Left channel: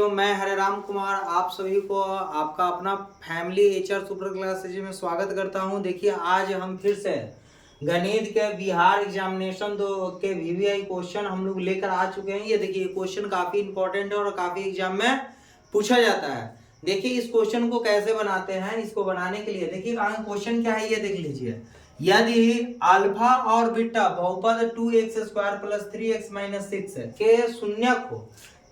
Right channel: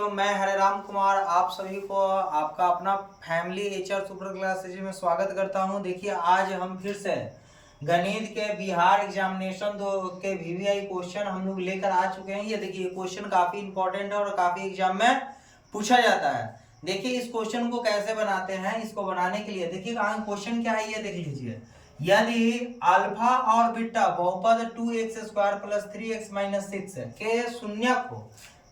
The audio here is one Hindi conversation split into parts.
बच्चों, मैं हरे राम कुमार आप सभी को आपका अपना फैमिली एचआर सुपर क्लासेज में स्वागत करता हूं। देखिए आज हम फिर से गणित के बिहार एग्जामिनेशन दो के वीवीआई क्वेश्चन हम लोग लेकर आ चुके हैं। ये देखिए क्वेश्चन काफी इंपॉर्टेंट है और काफी एग्जाम में पूछा जाता है। देखिए इस क्वेश्चन को कैसे बनाते हैं, इसको बनाने के लिए देखिए क्वेश्चन क्या है ये देख लीजिए। यदि अल्फा और बीटा बहुपद 2x² प्लस 3x माइनस 6 के शून्यक हो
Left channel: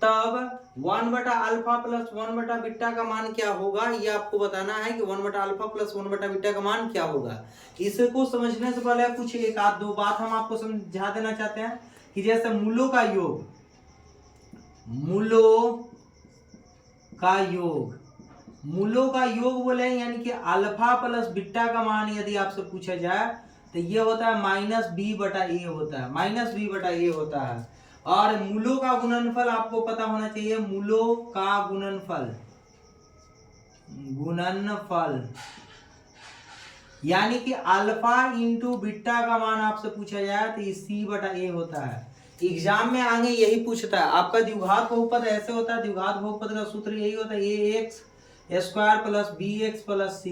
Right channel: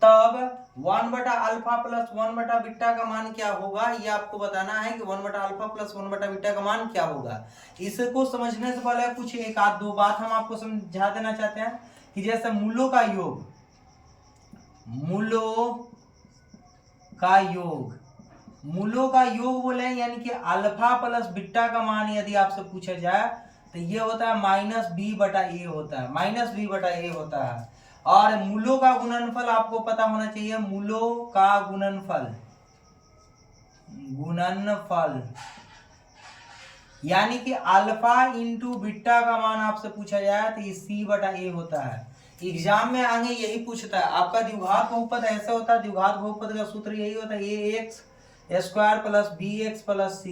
तब 1 बटा अल्फा प्लस 1 बटा बीटा का मान क्या होगा, ये आपको बताना है कि 1 बटा अल्फा प्लस 1 बटा बीटा का मान क्या होगा। इसको समझने से पहले कुछ एक आध दो बात हम आपको समझा देना चाहते हैं कि जैसे मूलों का योग बोले यानी कि अल्फा प्लस बीटा का मान यदि आपसे पूछा जाए तो ये होता है -b बटा a होता है, -b बटा a होता है। और मूलों का गुणनफल आपको पता होना चाहिए, मूलों का गुणनफल यानी कि अल्फा इंटू बीटा का मान आपसे पूछा जाए तो ये c बटा a होता है। एग्जाम में आगे यही पूछता है। आपका द्विघात बहुपद ऐसे होता है, द्विघात बहुपद का सूत्र यही होता है ax² plus bx plus c,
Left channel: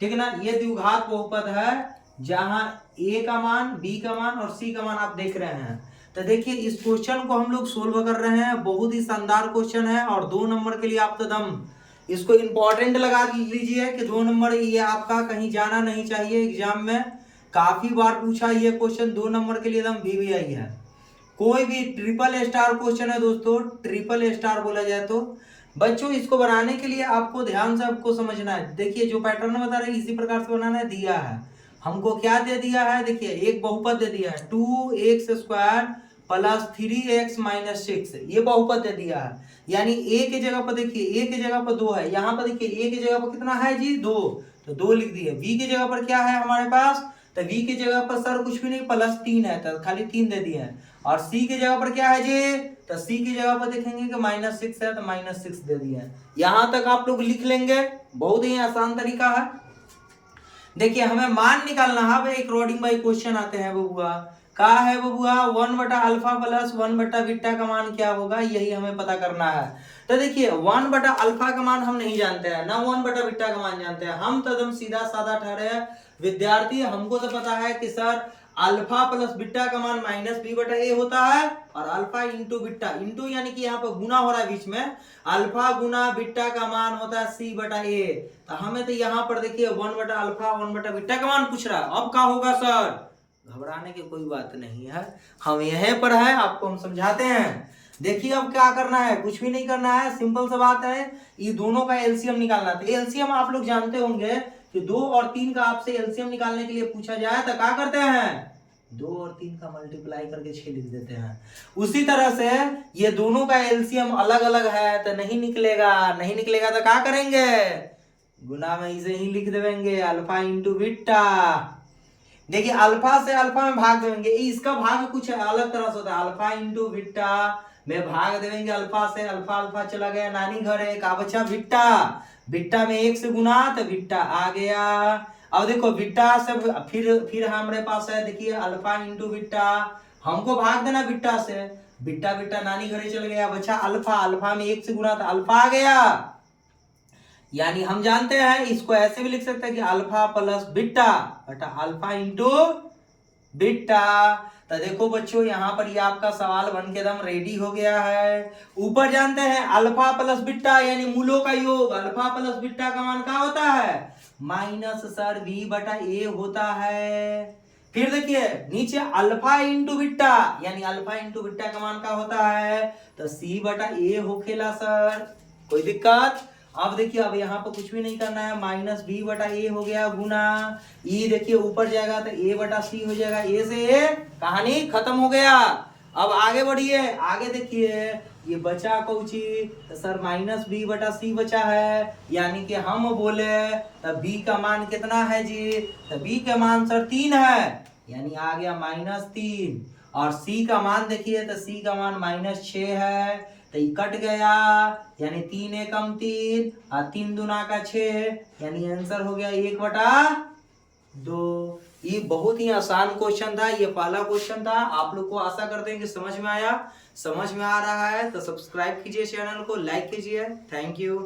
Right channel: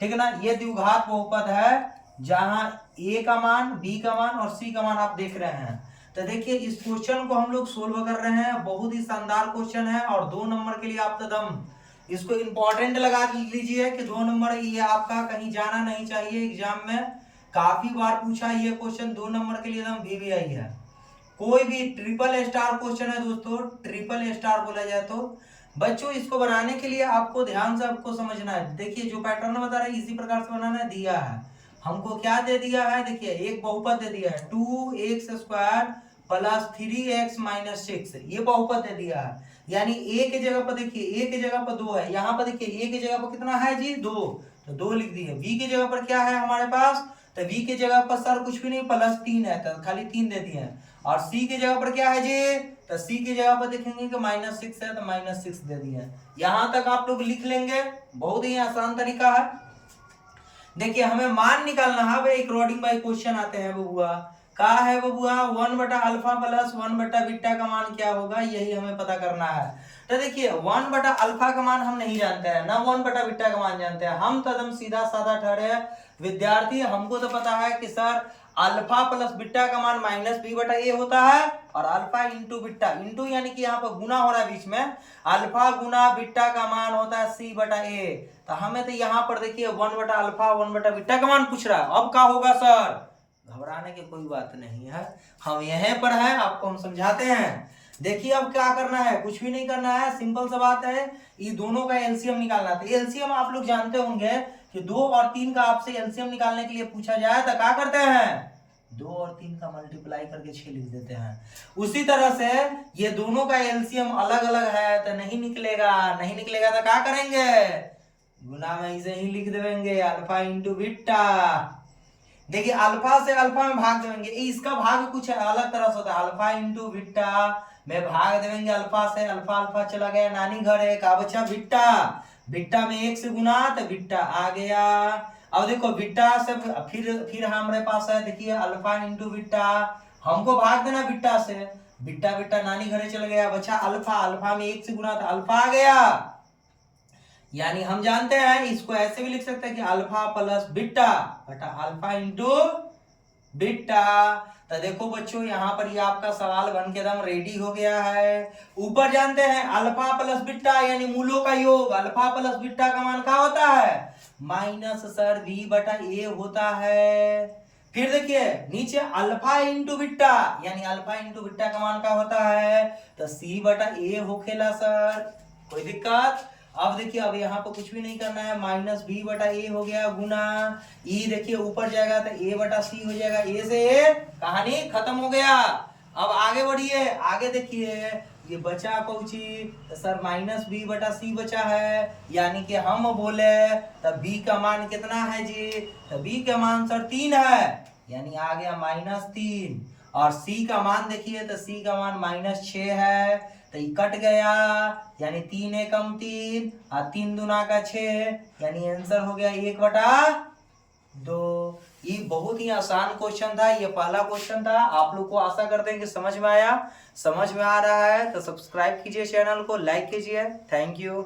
ठीक है ना। ये द्विघात बहुपद है जहां a का मान, b का मान और c का मान आप देख रहे हैं। तो देखिए इस क्वेश्चन को हम लोग सोल्व कर रहे हैं, बहुत ही शानदार क्वेश्चन है और 2 नंबर के लिए आप तो दम इसको इंपॉर्टेंट लगा लीजिए कि 2 नंबर ये आपका कहीं जाना नहीं चाहिए। एग्जाम में काफी बार पूछा ये क्वेश्चन, 2 नंबर के लिए एकदम वीवीआई है। कोई भी ट्रिपल स्टार क्वेश्चन है दोस्तों, ट्रिपल स्टार बोला जाए तो। बच्चों इसको बनाने के लिए आपको ध्यान से आपको समझना है। देखिए जो पैटर्न बता रहे हैं इसी प्रकार से बनाना है। दिया है हमको क्या दे दिया है, देखिए एक बहुपद दे दिया है 2x² प्लस 3x माइनस 6, ये बहुपद दे दिया है। यानी a की जगह पर देखिए, a की जगह पर 2 है, यहाँ पर देखिए a की जगह पर कितना है जी 2, तो 2 लिख दिए। b की जगह पर क्या है हमारे पास, तो b की जगह पर सर कुछ भी नहीं प्लस 3 है तो खाली 3 दे दिए हैं। और c की जगह पर क्या है जी, तो c की जगह पर देखेंगे कि -6 है तो -6 दे दिए हैं। यहां तक आप लोग लिख लेंगे, बहुत ही आसान तरीका है। देखिए हमें मान निकालना है, अब एक रोडिंग बाई क्वेश्चन आते हैं बबुआ। का है बबुआ 1 बटा अल्फा प्लस 1 बटा बीटा का मान क्या होगा, यही हमें पता करना है। तो देखिए 1 बटा अल्फा का मान हम नहीं जानते हैं, ना 1 बटा बीटा का मान जानते हैं। हम तो एकदम सीधा साधा ठहरे विद्यार्थी, हमको तो पता है कि सर अल्फा प्लस बीटा का मान -b बटा a होता है और अल्फा इंटू बीटा, इंटू यानी कि यहाँ पर गुना हो रहा है बीच में, अल्फा गुना बीटा का मान होता है c बटा a। तो हमें तो यहाँ पर देखिए 1 बटा अल्फा 1 बटा बीटा का मान पूछ रहा है। अब क्या होगा सर, घबराने की कोई बात नहीं है, हम यहीं पर है, आपको हम समझाते हैं। देखिए अब क्या करना है, कुछ भी नहीं करना है, सिंपल सा बात है। ये दोनों का एलसीएम निकालना था। एलसीएम आप लोग जानते होंगे कि 2 और 3 का आपसे एलसीएम निकालने के लिए पूछा जाए तो क्या करते हैं, 2 और 3 का मल्टीप्लाई करके 6 लिख देते हैं। उसी तरह से ये दोनों का एलसीएम अलग अलग है तो नहीं निकलेगा, नहीं निकलेगा तो क्या करेंगे, गुना में इसे ही लिख देंगे अल्फा इंटू बीटा। देखिए अल्फा से अल्फा में भाग देंगे, इसका भाग कुछ अलग तरह से होता है। अल्फा इंटू बीटा में भाग देंगे अल्फा से, अल्फा अल्फा चला गया नानी घर है, का बचा बीटा, बीटा में 1 से गुना तो बीटा आ गया। अब देखो बीटा से फिर हमारे पास है, देखिए अल्फा इंटू बीटा, हमको भाग देना बीटा से, बीटा बीटा नानी घरे चल गया, बचा अल्फा, अल्फा में 1 से गुना तो अल्फा आ गया। यानी हम जानते हैं इसको ऐसे भी लिख सकते हैं कि अल्फा प्लस बीटा बटा अल्फा इंटू बीटा। तो देखो बच्चों यहाँ पर ये आपका सवाल बन के एकदम रेडी हो गया है। ऊपर जानते हैं अल्फा प्लस बीटा यानी मूलों का योग, अल्फा प्लस बीटा का मान क्या होता है, -b बटा a होता है। फिर देखिए नीचे अल्फा इंटू बीटा यानी अल्फा इंटू बीटा का मान क्या होता है, तो c बटा a होखेला सर, कोई दिक्कत। अब देखिए अब यहाँ पर कुछ भी नहीं करना है, -b बटा a हो गया गुना e, देखिए ऊपर जाएगा तो a बटा c हो जाएगा, a से a कहानी खत्म हो गया। अब आगे बढ़िए, आगे देखिए ये बचा कौची, तो सर -b बटा c बचा है, यानी कि हम बोले तो b का मान कितना है जी, तो b का मान सर 3 है, यानी आ गया -3। और c का मान देखिए तो c का मान -6 है, तो ये कट गया, यानी 3 एकम 3 और 3 दूना का 6, यानी आंसर हो गया 1/2। ये बहुत ही आसान क्वेश्चन था, ये पहला क्वेश्चन था। आप लोग को आशा करते हैं कि समझ में आया। समझ में आ रहा है तो सब्सक्राइब कीजिए, चैनल को लाइक कीजिए। Thank you.